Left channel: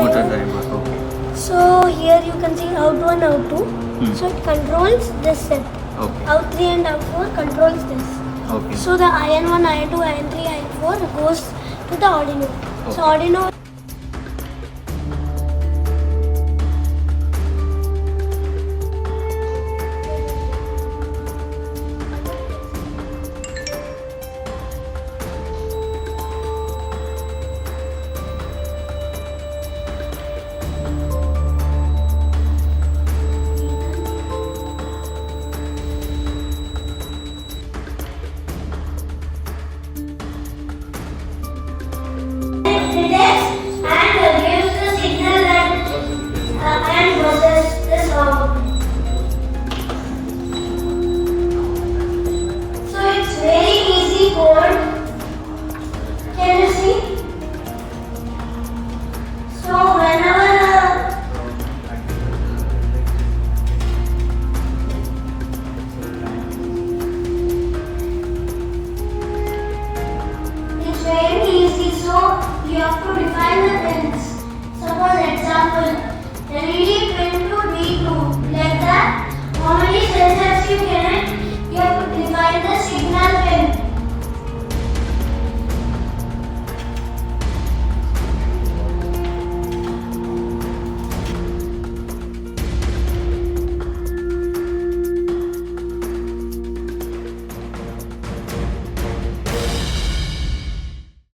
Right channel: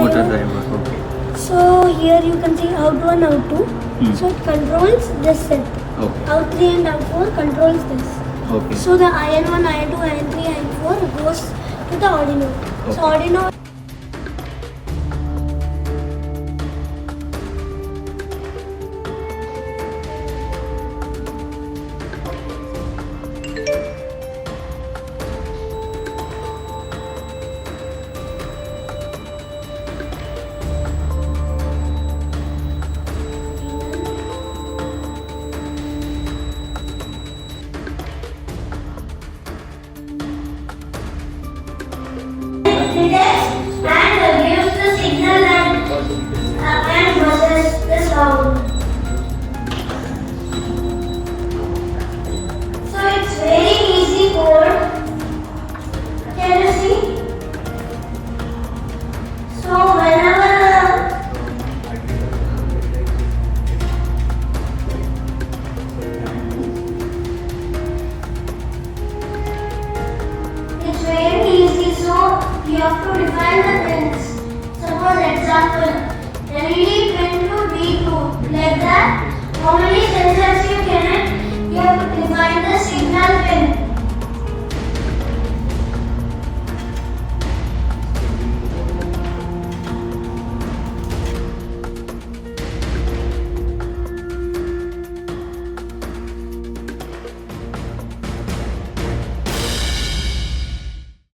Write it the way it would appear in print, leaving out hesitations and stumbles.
motor driver. Okay. So here you can see out1, out2. So it controls this set. Okay. Out3 and out4 controls this. Okay. So the IN1, IN2, IN3, IN4 goes to the Arduino. Okay. So Arduino. Detects and gives the signal and buzzes this out. So it's very easy code. Can you see? So whenever it's very easy, so you have to define the things. Suppose example